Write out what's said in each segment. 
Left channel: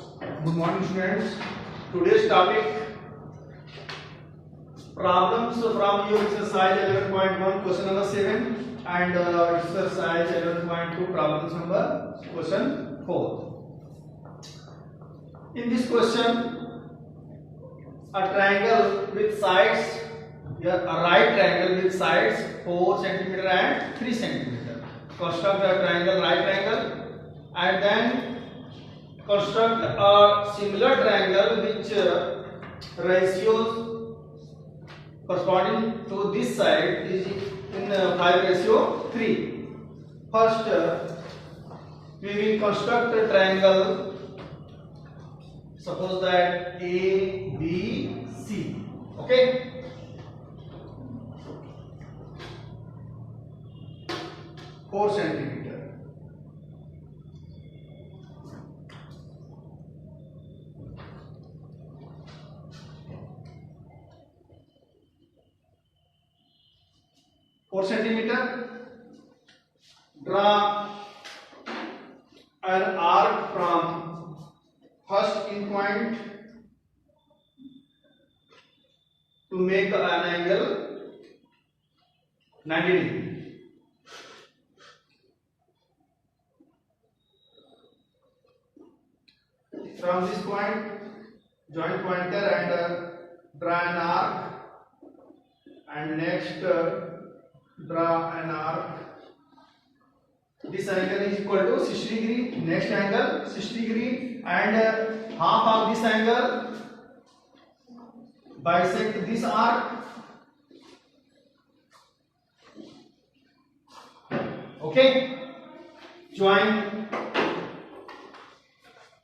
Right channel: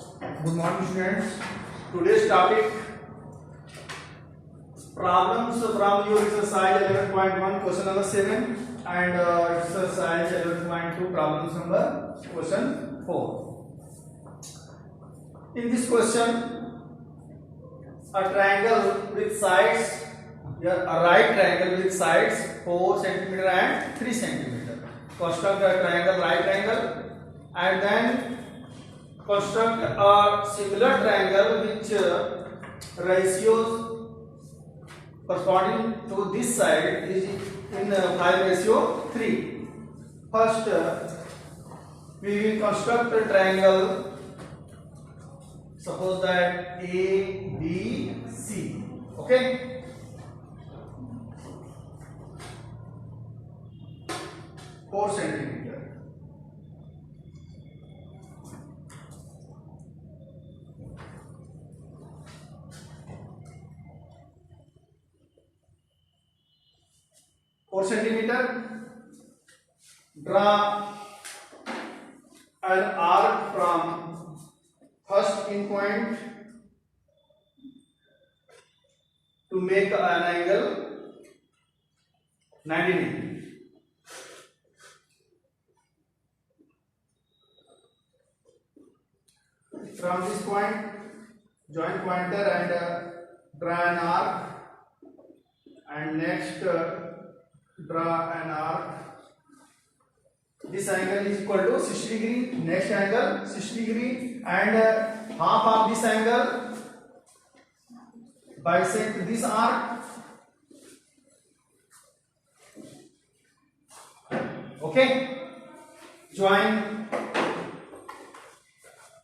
Good morning, students. Today's topic problems from your exercise 11.1 question number 7 and exercise 11.2 problems number question 4. In this question, a triangle with sides, here a right triangle with sides 4 centimeter and 3 centimeter. Construct a triangle, right triangle, and then construct a similar triangle which ratios corresponding to this side is in 5:3. First, we will construct a triangle. Suppose that A, B, C. Okay. 4 centimeter. Draw an arc from first in point to make an angle 90 degree. From this point, join pointer and draw an arc, and next draw an arc. This angle is equal to 60 degree. Next angle 60 degree, and half of this angle bisect this arc. Okay. Join.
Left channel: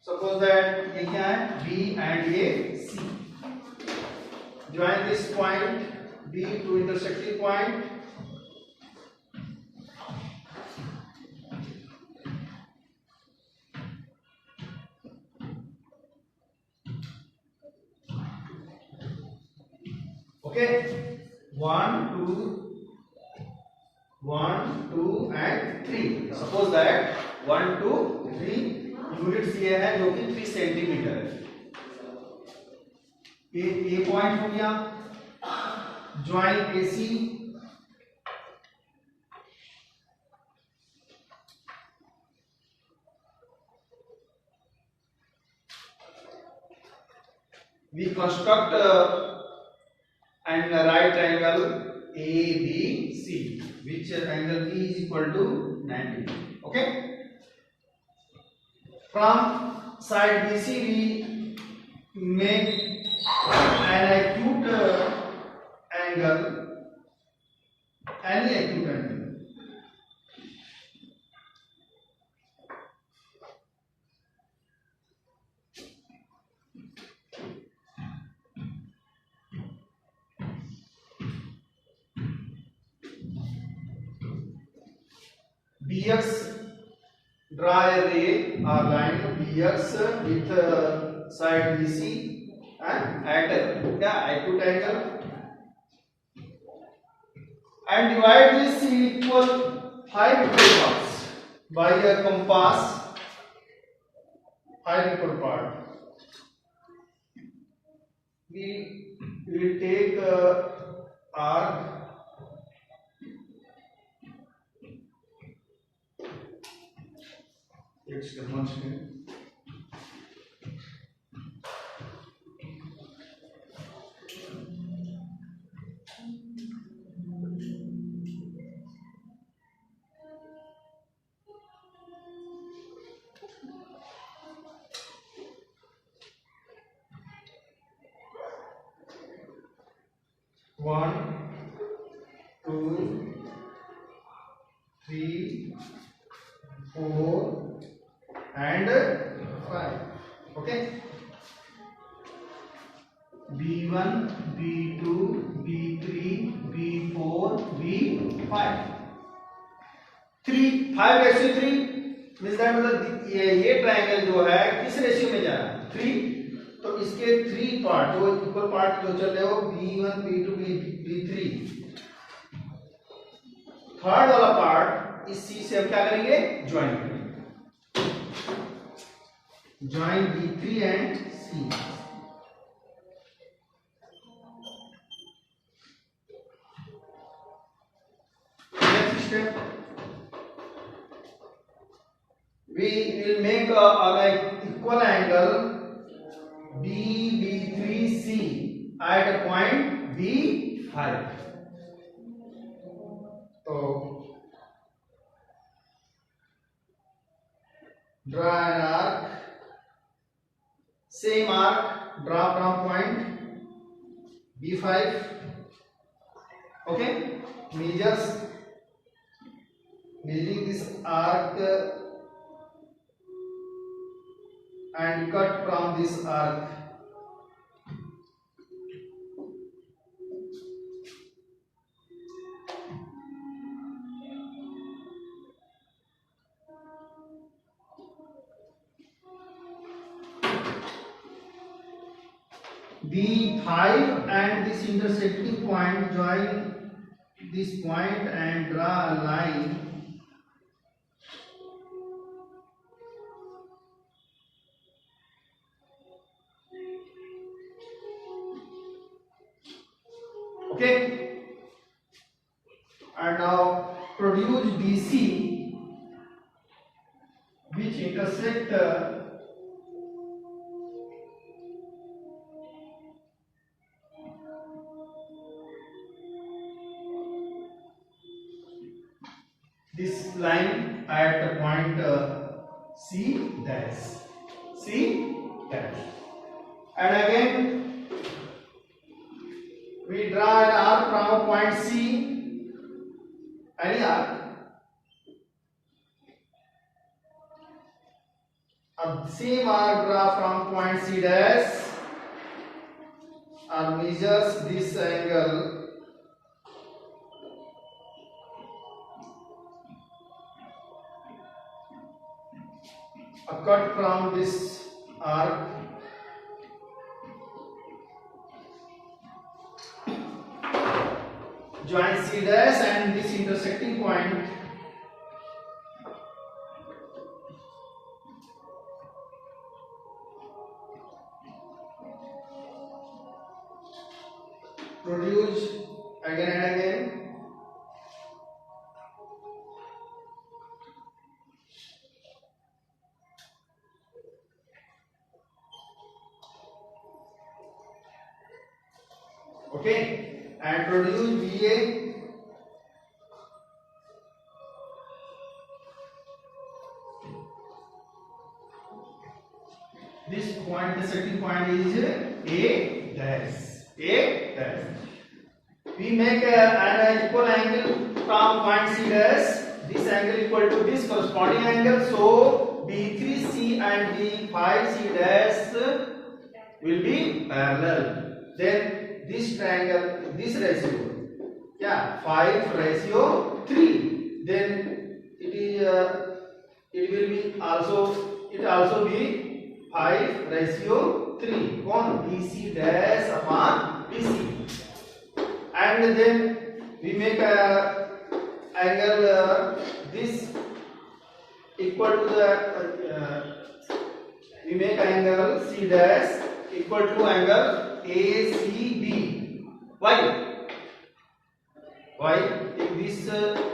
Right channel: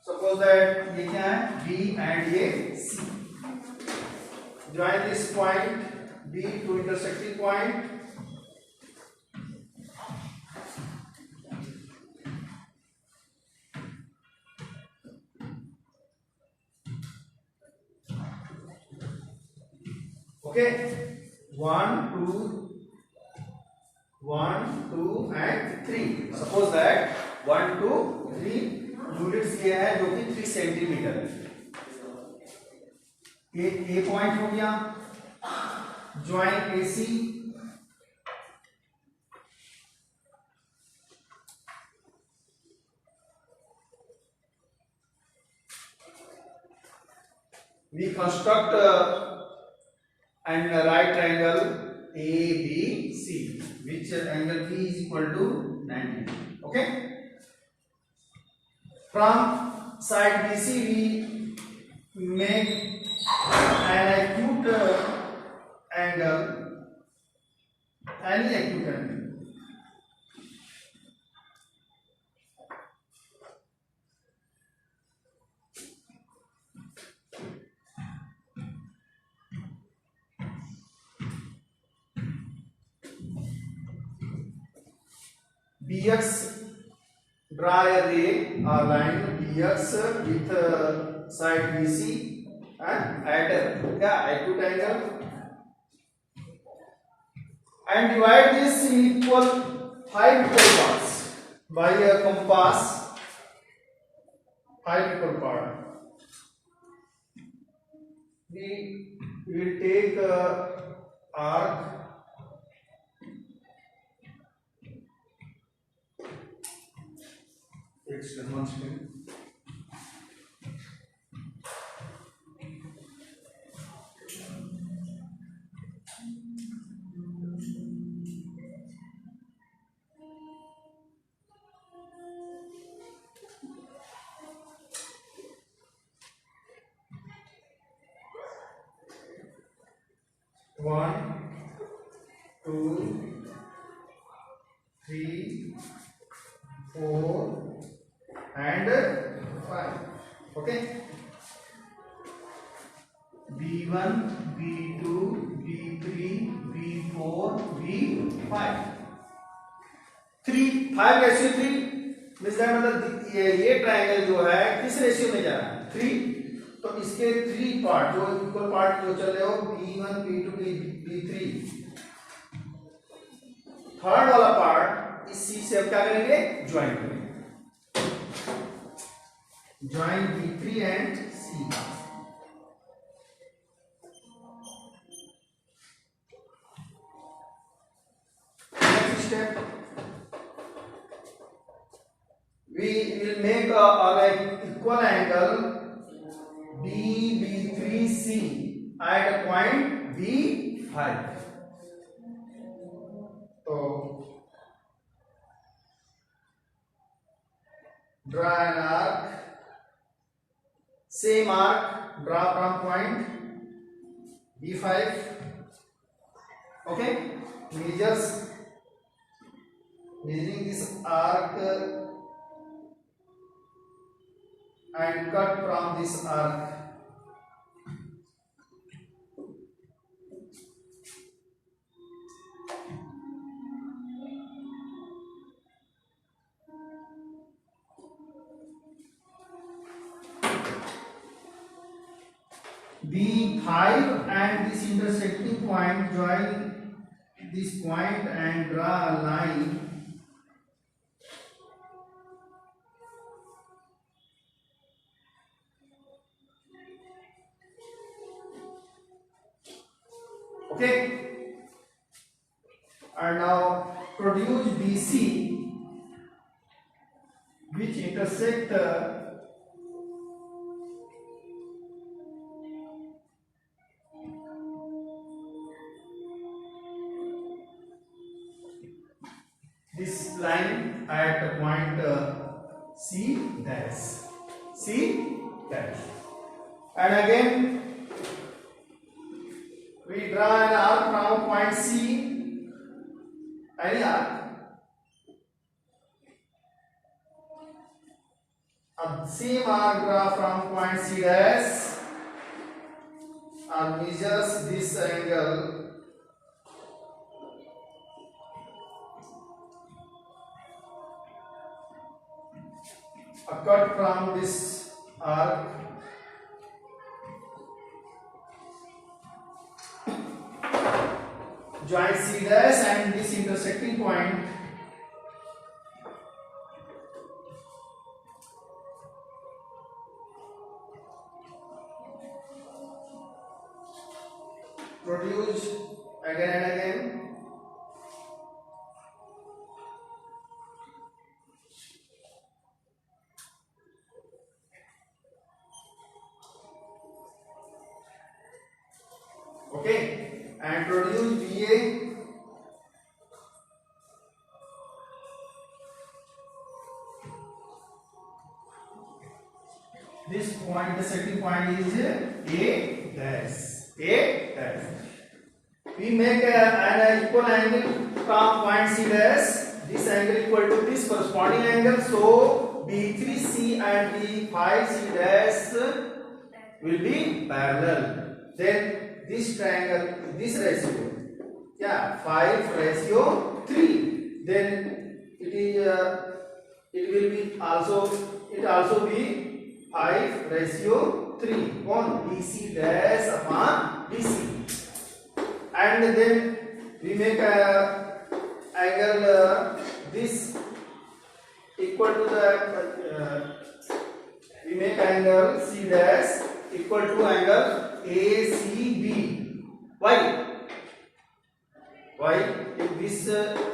Suppose that ये क्या है, B and ये C. Join this point B to intersecting point. Okay, 1, 2, and 3. Suppose that 1, 2, 3 units ये है जो कि 3 centimetre है. ए point हो गया. Join AC. We construct and right triangle ABC, which angle P is equal to 90. Okay. From side BC we make an acute angle, any acute angle. BX, draw a ray or line BX with side BC and at the acute angle, and divide this in equal 5 equal parts by a compass. 5 equal part. We will take arc. It's the one second. One, 2, 3, 4, and 5. Okay. B1, B2, B3, B4, B5. 5:3 means that मतलब ये triangle जो है किस ratio में जा रहा है, 3. तो इसके 3 पार्ट जो इक्वल पार्ट जो चल रहे हो B1, B2, B3. थर्ड वाला पार्ट इस C से हम क्या करेंगे, ज्वाइन करेंगे. join B3 and C. Next step, we will make an equal angle BB3C at a point B5. So draw an arc, same arc, draw from point B5. Okay, measuring this arc and cut from this arc. B5 and this intersecting point, join this point and draw a line. Okay, and now produce BC which intersect this line at the point C dash. And again we draw an arc from point C, any arc. Same arc draw from point C dash and measures this angle cut from this arc join C dash and this intersecting point produce again and again. Okay, and produce BA. This point, the second point is A dash. We make an equal angle from point C dash. This angle equal to this corresponding angle. So B3C and B5C dash will be parallel. Then this triangle, this ratio, 5:3. Then it will be also be 5:3 on BC dash upon BC. And then we make a angle this equal to the we make angle C dash equal to angle ACB. Why? If this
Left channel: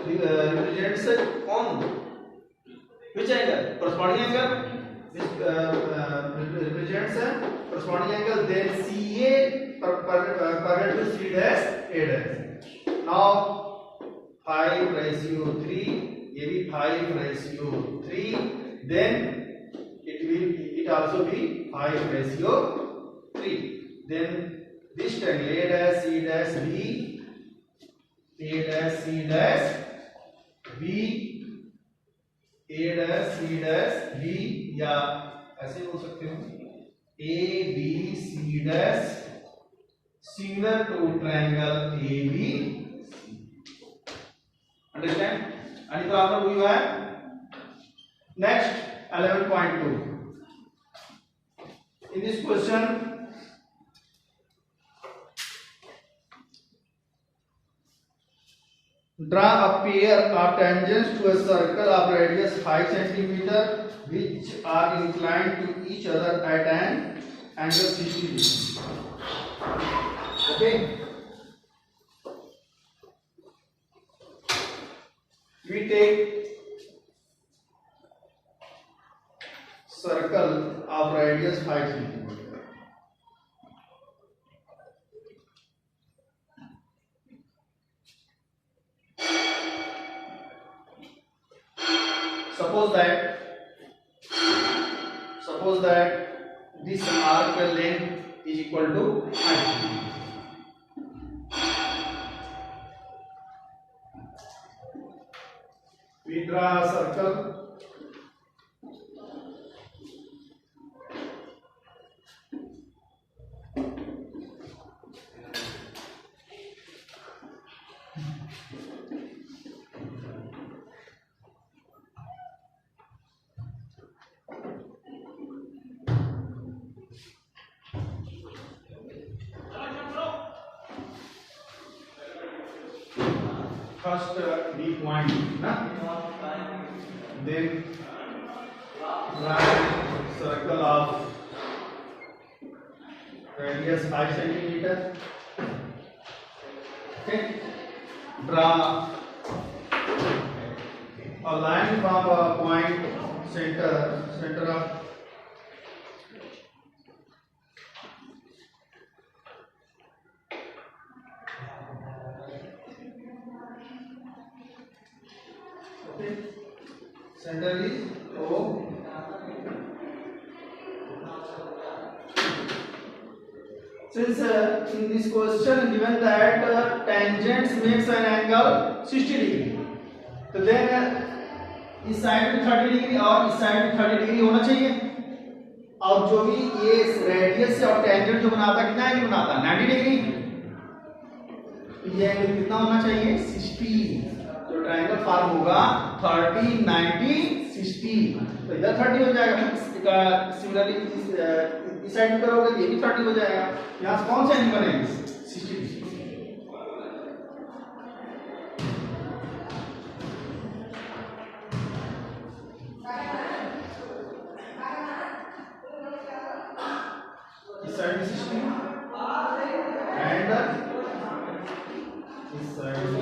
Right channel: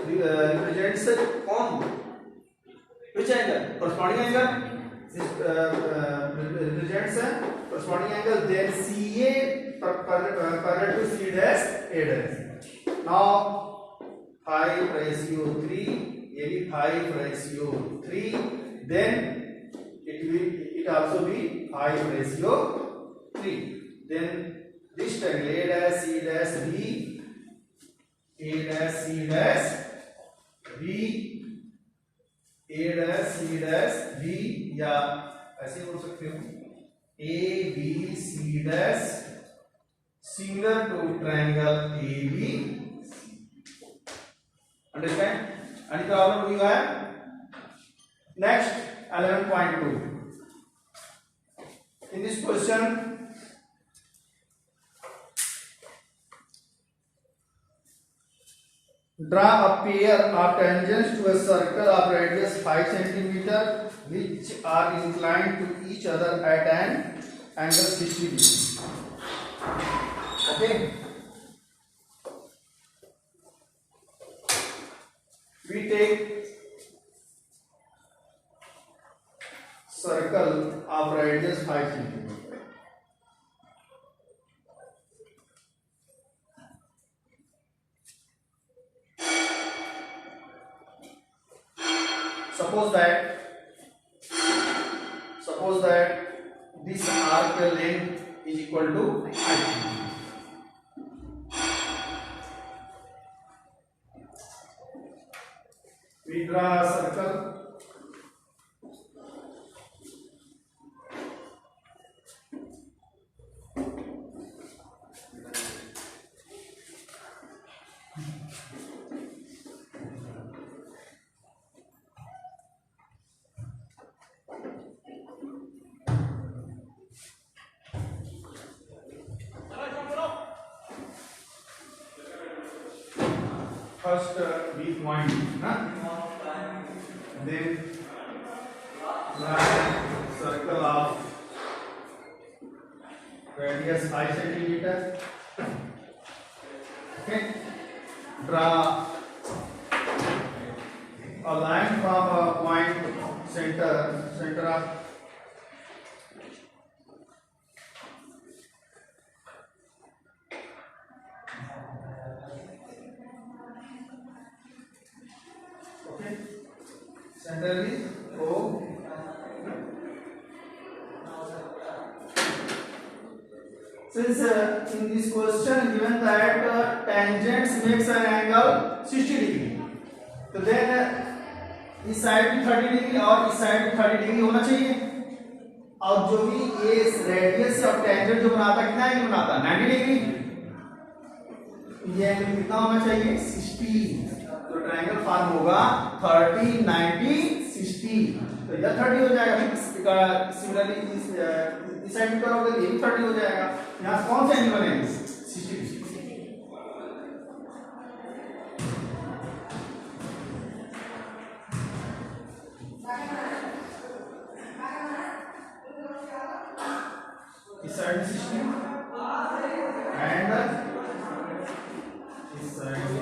represents on which angle? Corresponding angle. This represents corresponding angle. Then CA parallel to C dash A dash. Now 5:3. AB 5:3. Then it also be 5:3. Then this triangle A dash C dash B, A dash C dash B, A dash C dash B, या ऐसे बोल सकते हो A B C dash similar to triangle A B C. Understand? आणि तो आपला हुआ है. Next 11.2. In this question, Draw a pair of tangents to a circle of radius 5 centimeter which are inclined to each other at an angle 60 degrees. Okay. We take circle of radius 5 centimeter. Suppose that this arc length is equal to height. We draw a circle first B point, then line circle of radius 5 centimeter. Okay, draw a line from a point center of center is O. Since in this question given that tangents makes an angle 60 degree, तो then इस side भी 30 degree और इस side भी 30 degree होना चाहिए. और जो भी ये रेडियस से और टेंजेंट जो बनाता है कितना एंगल बनाता है 90 डिग्री. ये एंगल कितना होना चाहिए 60. तो ट्रायंगल फॉर्म होगा 30 90 60. तो इधर 30 हो जाएगा. सिमिलरली इस साइड में करोगे तो ये भी 30 हो जाएगा. यहाँ से कौन सा एंगल बनेगा 60 डिग्री. इस साइड में 60 एंड इस साइड में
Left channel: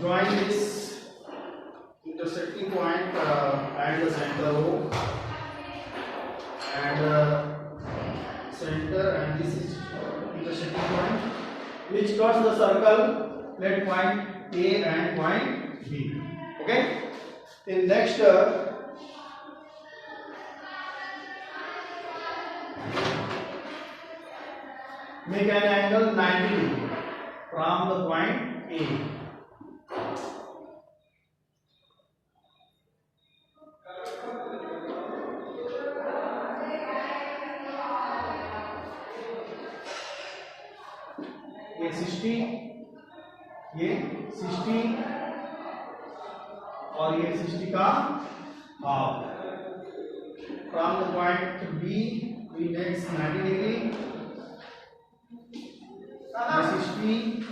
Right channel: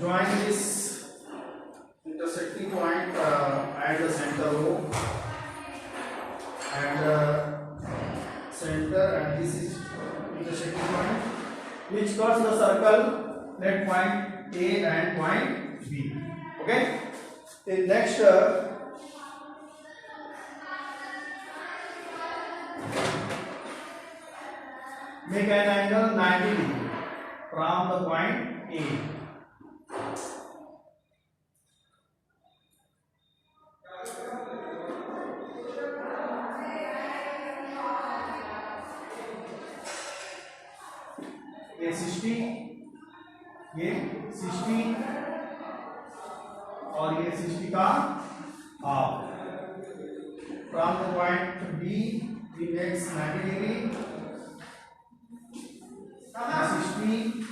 join this intersecting point at the center O and center, and this is intersecting point which cuts the circle at point A and point B. Okay. In next make an angle 90 degree from the point A. ये 60 और ये 60 का half. From the point B we make 90 degree, 60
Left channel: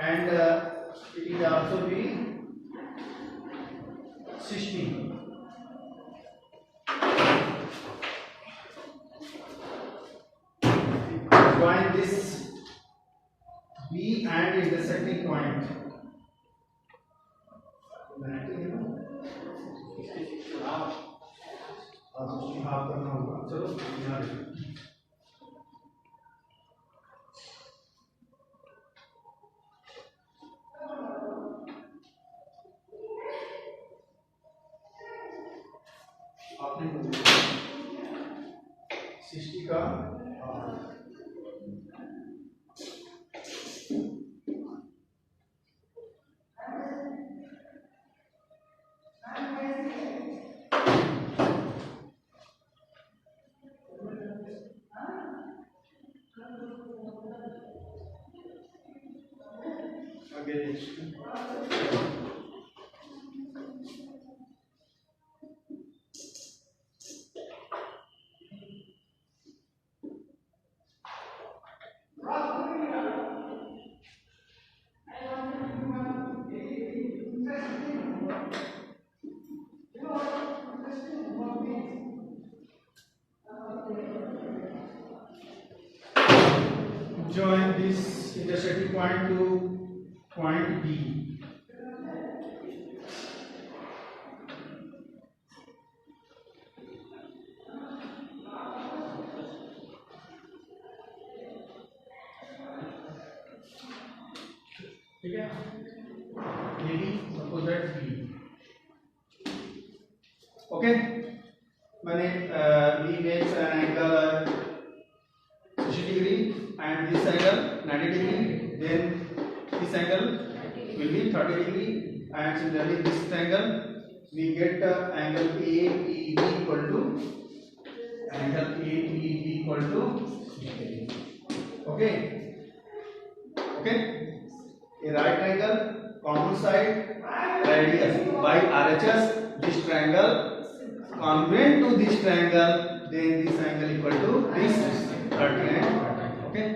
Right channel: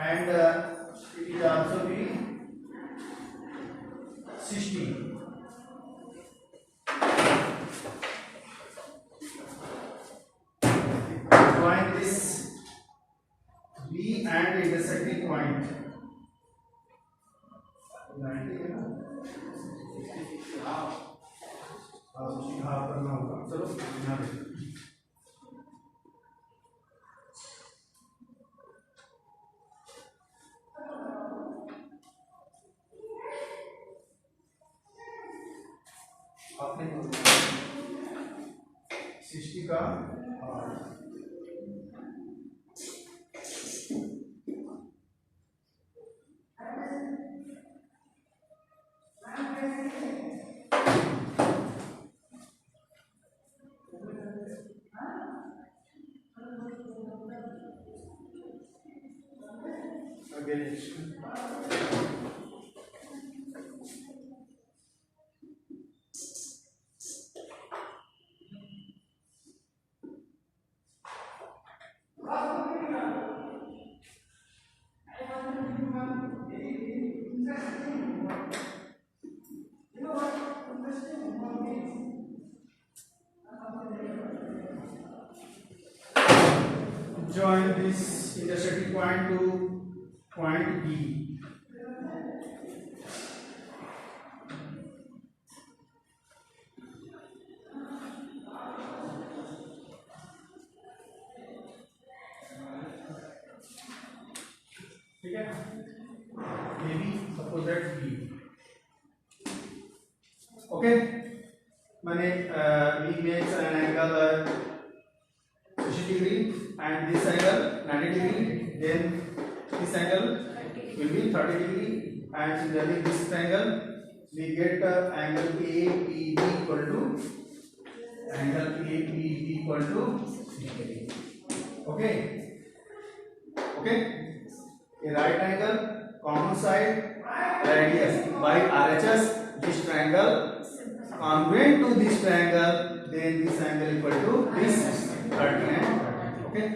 and it is also be 60. Join this B and intersecting point. 90 है ना, 60 half करना होगा. चलो यहाँ देखो. आपने 60 का against Join this intersecting point to point B. ठीक है, AB suppose that B. Okay, मैंने B makes an angle 60 degree and this angle 90 degree, then this angle will be 30 degree, and similarly this angle we get angle AEB equal to 60 degree. Okay, a right angle common side radius by RHS, this triangle congruent to this triangle, then this angle equal to this 30 and 30. Okay.